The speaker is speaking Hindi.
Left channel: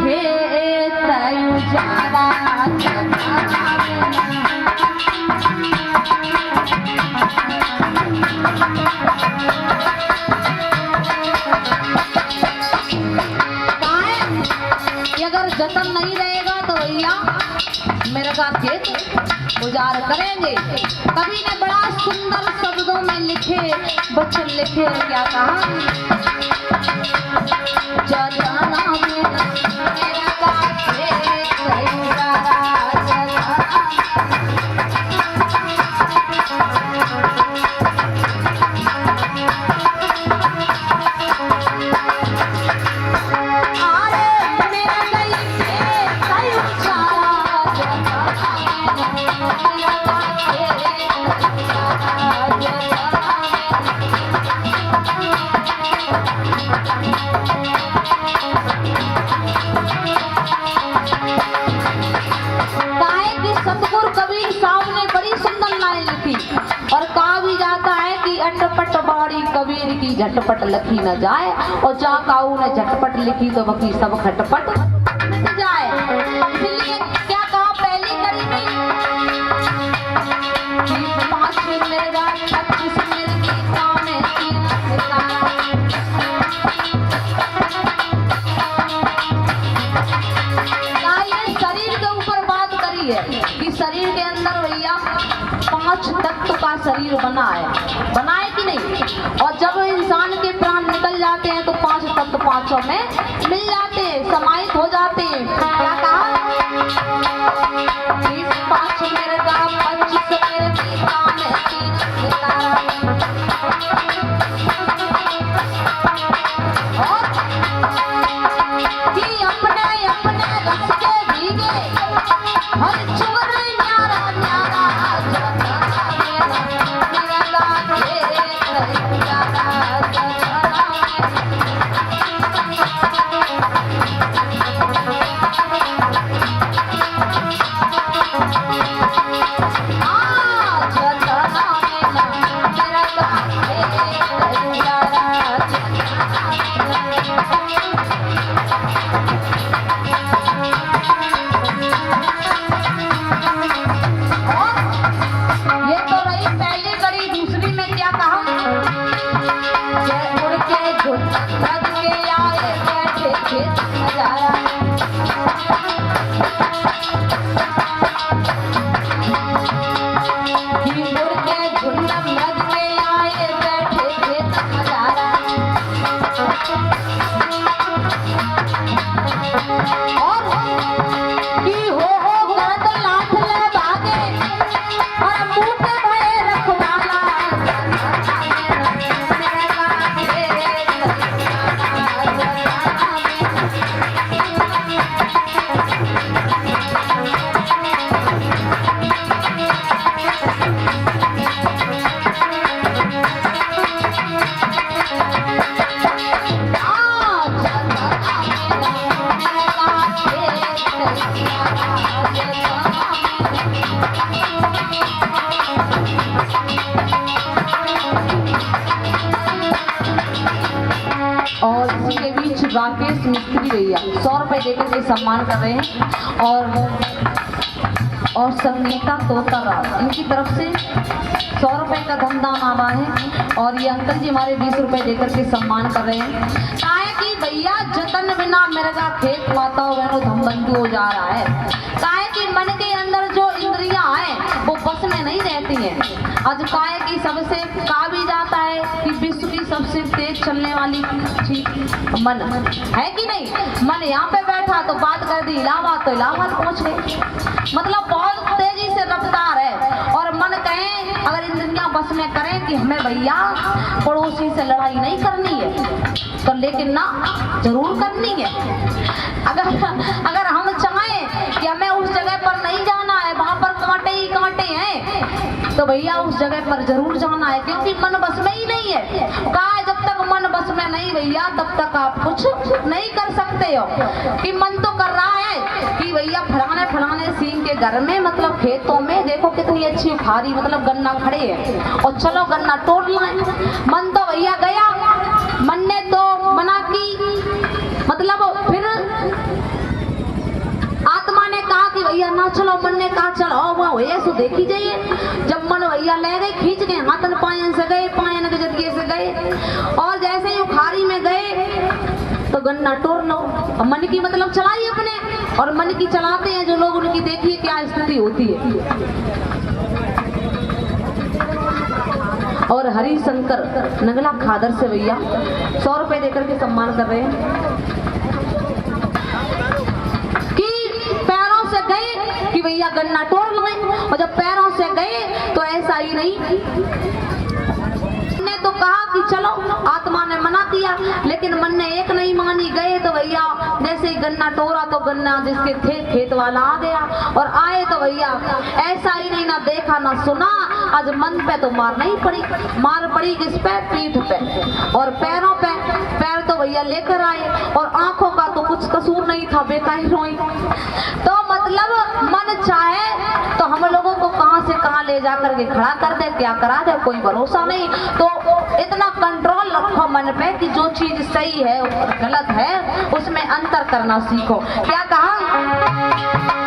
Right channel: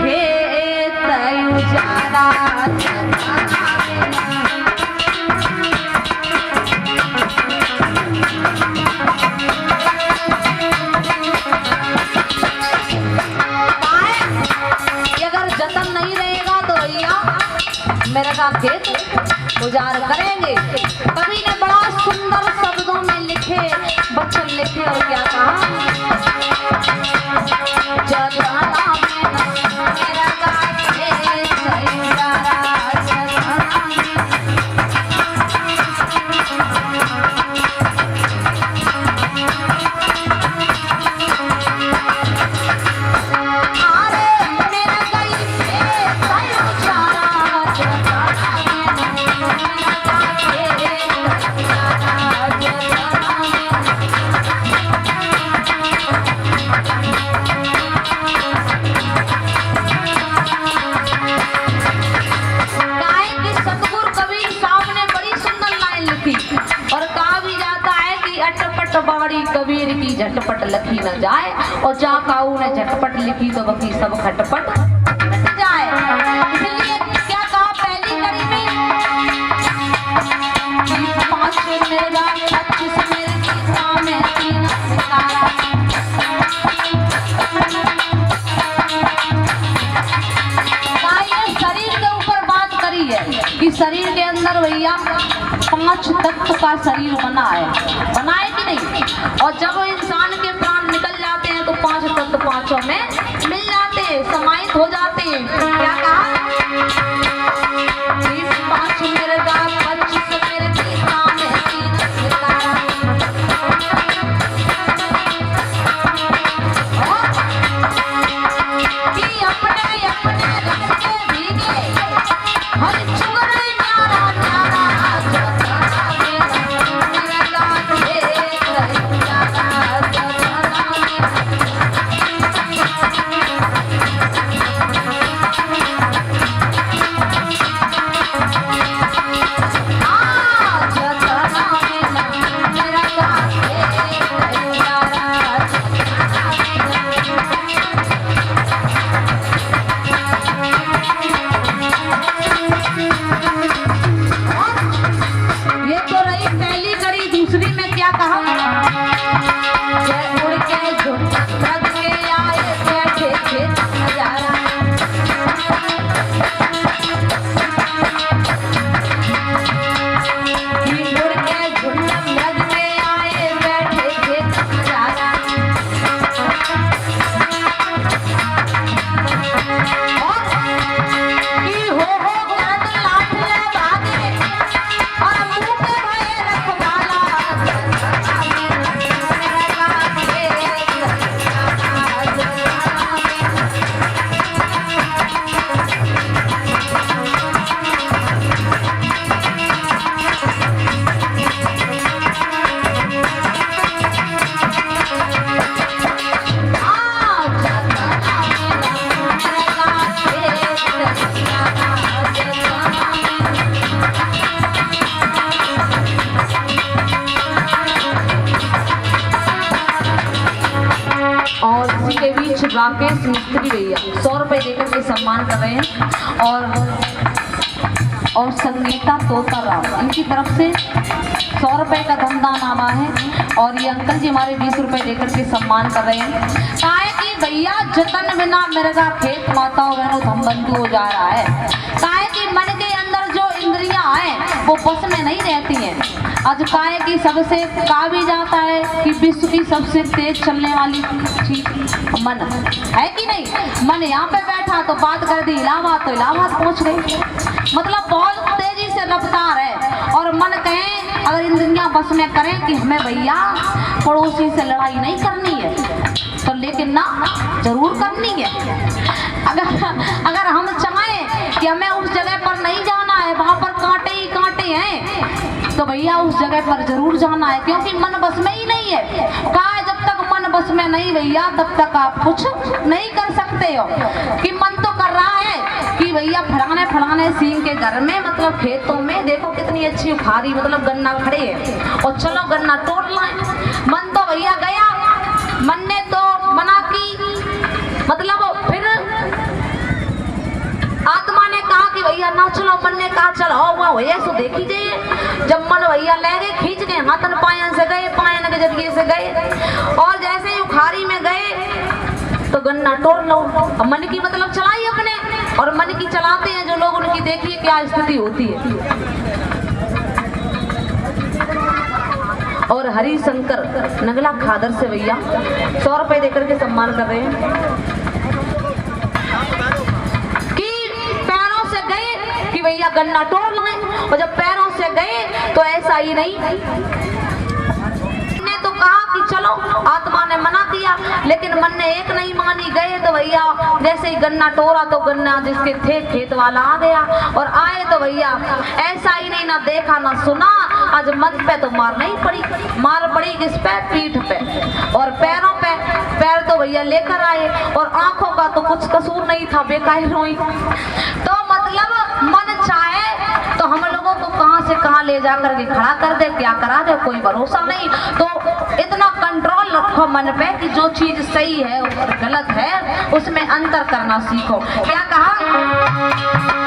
खेत उजाला अगर जतन नहीं रहेगा तो भैया मेरे का खेत गुजार करेंगे। कवि ने बड़ा सुंदर शब्दों में लिखे वचन लिखे और क्या कहा, जताना मेरा का खेत उजाला कबीर की झटपट लिखी न जाए और जा काऊ ने झटपट लिखी तो वकी सब खटपट मिट जाए। इसलिए क्या कहा पहली कड़ी में, 5 मिर्गा 25 मिर्गी सामे 3 सितारा। शरीर के ऊपर बात करी है कि शरीर के अंदर भैया 5 तत्व का शरीर बना है, बनाए कि नहीं। और जब इंसान के प्राण निकल जाते हैं तो 5 तत्व 5 में मिल जाते हैं, समाहित हो जाते हैं। क्या कहा, 5 मिर्गा 25 मिर्गी सामे 3 सितारा। कि अपने अपने रस के भीगे हर चुगरे न्यारा न्यारा राकेश मिस्त्री भैया 100 रुपए देकर के सम्मान कर रहे हैं और संगीता तोताराम इनकी तरफ से 100 रुपए का धनदानामा है और ये अंकल जी हमारे 20 रुपए देकर के सम्मान कर रहे हैं। कहा है कि भैया जतन बिना मिर्गा खेत माताओं बहनों धमबंधु हो जा रहा है। कहा है कि मन के अंदर जो इंद्रियां हैं वो बस में नहीं रहती हैं। आज कहा है कि सबसे कहा भी जाता है कि विश्व की सबसे तेज चलने वाली चीज मन है कि नहीं। मन यहाँ पे बैठा तो बात कर दी इलाहाबाद तो इलाहाबाद पहुंच गई, मतलब बहुत तेजी से रफ्तार है। और मन कहे अगर इंद्रियां बस में करें कि हमें भैया पड़ोसी से लड़ाई नहीं करनी है तो लेकिन ना जरूर करनी है। अगर हम चाहें कि हमें उस जगह पर नहीं जाना है, वहां पर कांटे ही कांटे हैं, तो भैया उस जगह पर जरूर जाना है क्योंकि मन बस में ही नहीं है। कहा जब तक मन बस में नहीं भैया तब तक आप कुछ नहीं कर सकते हो। कि मन तो कर रहा है कि भैया फलाने सींग के घर में मतलब खेतों में देखो कितनी अच्छी खारी मतलब गन्ना खड़े है और चलो गन्ना तोड़ना है। मन तो भैया गया, मन ने तो मना की, मतलब फिर भैया ना चलो, मन ने कहा चलो वो ऐसे देखी जाइए। जब मन भैया ले गए खींच के हाथन पायन से गए, पायन के जरिए से गए और जैसे ही उखाड़ी में गए तो गन्ना तोड़ लो। अब मन की मतलब चलाई अपने, और मन की चलाते हैं जो लोग उनकी देखिए क्या स्थिति होती है। और हरिशंकर नगला खादर से भैया 100 रुपए देकर के सम्मान कर रहे हैं कि पैरों से गए कि भैया गन्ना तोड़ लें, और जब पैरों से गए तो ऐसा ही नहीं, ने तो कहा कि चलो, आत्मा ने मना किया लेकिन मन ने एक नहीं मानी। गए तो भैया जैसे ही गन्ना तोड़ा तो गन्ना जिसके थे खेत वाला आ गया, और आए तो भैया ऐसा ही नहीं, ना देखा ना सुना, आज मन पे तो मार नहीं पड़ी, मार पड़ी किस पे? पीठ पे और पैरों पे। पैर तो भैया लेकर आए और आंखों का तो कुछ कसूर नहीं था, बेकार रोई। तो मतलब मन चाहे तो हम लोगों को कहां से कहां ले जाकर के खड़ा कर दे, क्या करा दे, कोई भरोसा नहीं। तो इतना कंट्रोल रखो मन पे कि जो चीज सही है गलत है उसमें अंतर करना सीखो। क्या कहा?